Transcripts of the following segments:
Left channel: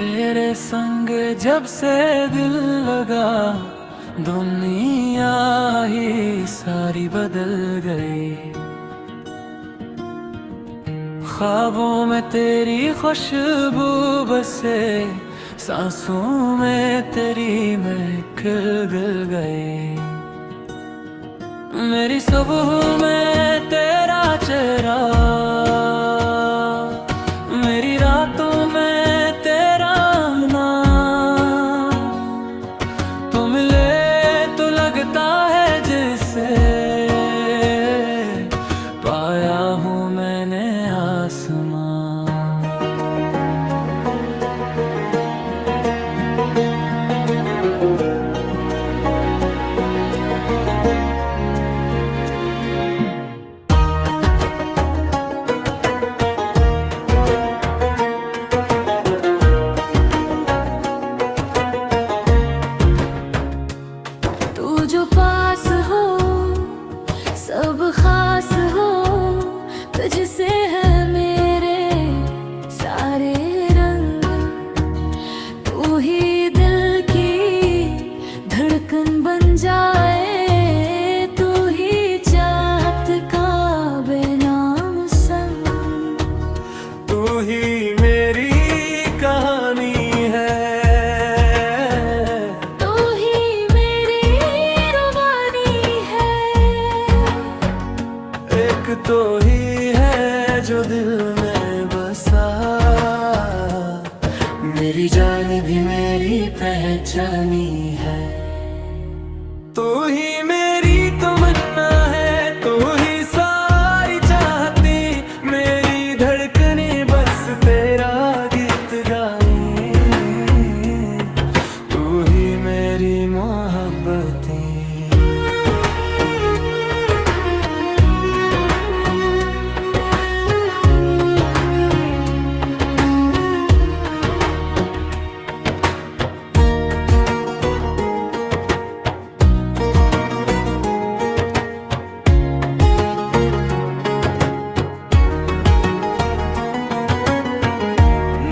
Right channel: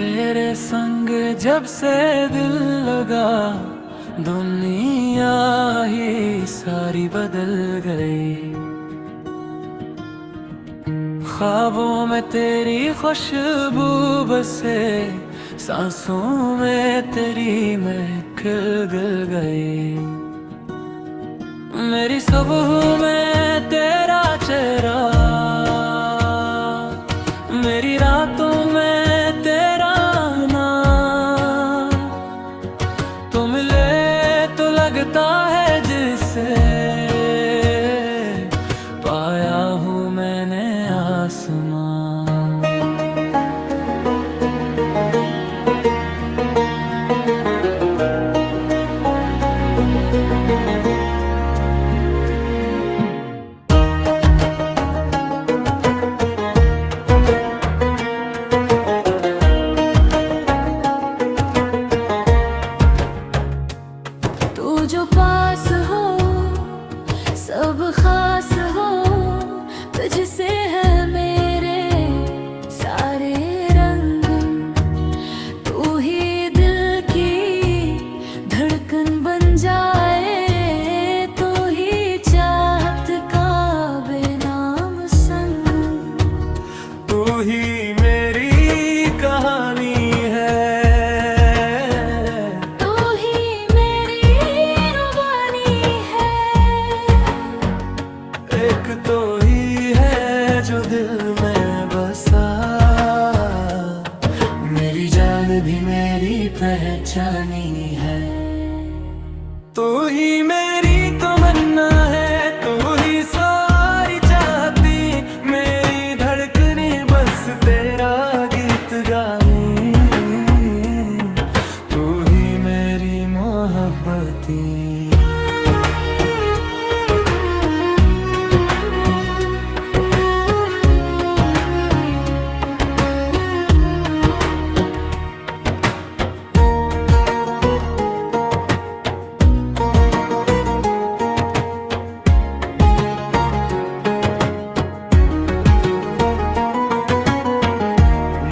तेरे संग जब से दिल लगा, दुनिया ही सारी बदल गई। ख्वाबों में तेरी खुशबू बसे, सांसों में तेरी महफिल गिर गई। मेरी सुबह में तेरा चेहरा, मेरी रातों में तेरा नाम। तू मिले तो लगता है जिसे पाया हूँ मैंने आसमां। तू जो पास हो सब खास हो, तुझसे है मेरे सारे रंग। तू ही दिल की धड़कन बन जाए, तू ही चाहत का बेनाम संग। तू ही मेरी कहानी है, तो ही है जो दिल में बसा। मेरी जान भी मेरी पहचानी है। तू ही मेरी तमन्ना है, तू ही सारी चाहती। मेरी धड़कने बस तेरा गीत गाई। तू ही मेरी मोहब्बती।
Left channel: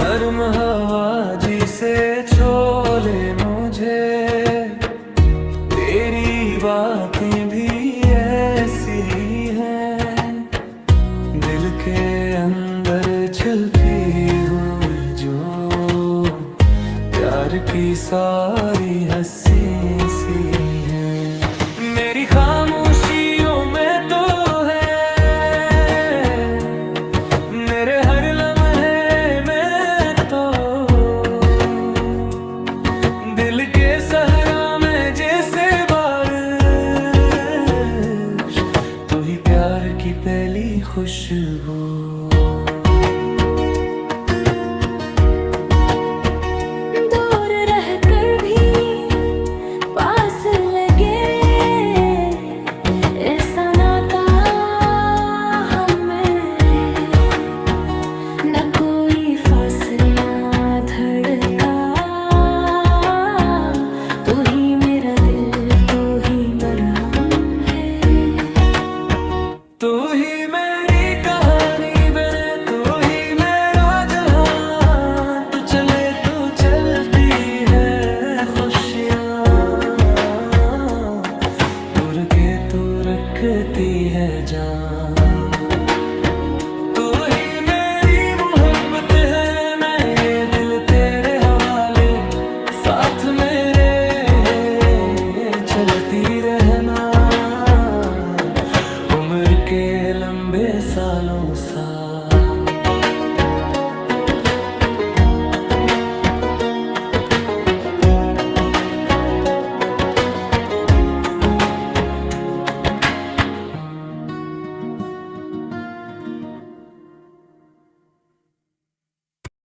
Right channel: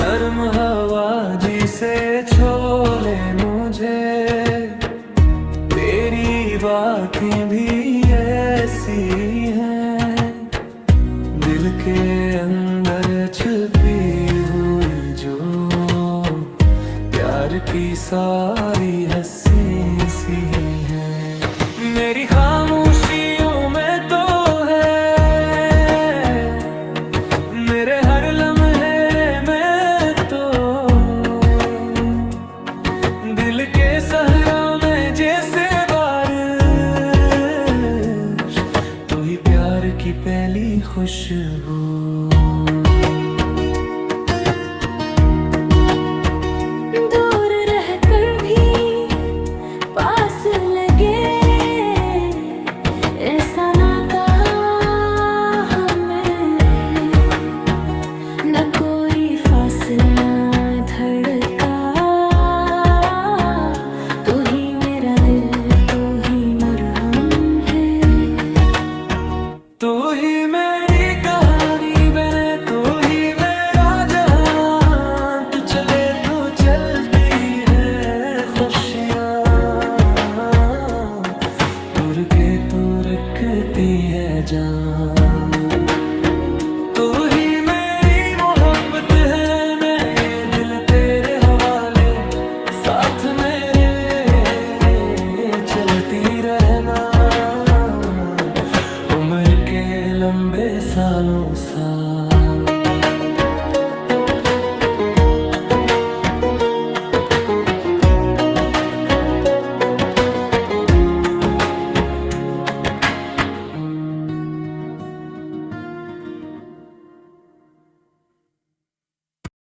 नर्म हवा जी से छोले मुझे, तेरी बातें भी ऐसी हैं। दिल के अंदर छुपी हुई जो प्यार की सारी हंसी सी है। मेरी खामोशियों में तो है मेरे हर लम्हे में तो। दिल के सहरा में जैसे बारिश, तू ही प्यार की पहली खुशबू। दूर रहकर भी पास लगे, ऐसा नाता हमें है। न कोई फासला धड़का, तू ही मेरा दिल, तू ही मरहम है। तू ही मेरी कहानी बने, तू ही मेरा जहां। तू चले तो चलती है खुशियाँ, तुर के तू रखती है जान। तू ही मेरी मोहब्बत है, मेरे दिल तेरे हवाले। साथ मेरे ये चलती रहना, उम्र के लंबे सालों साथ।